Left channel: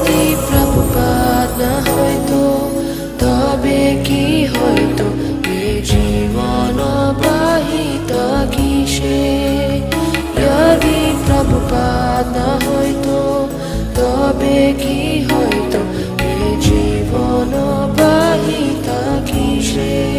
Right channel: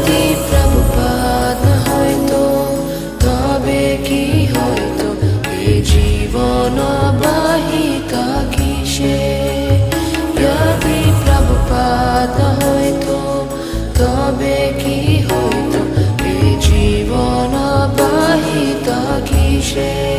যদি প্রভুপাদ হয়তো তবে কি হয়তো এ জীবন বাহিতা কিসে। যদি প্রভুপাদ হয়তো তবে কি হয়তো এ জীবন বাহিতা কিসে।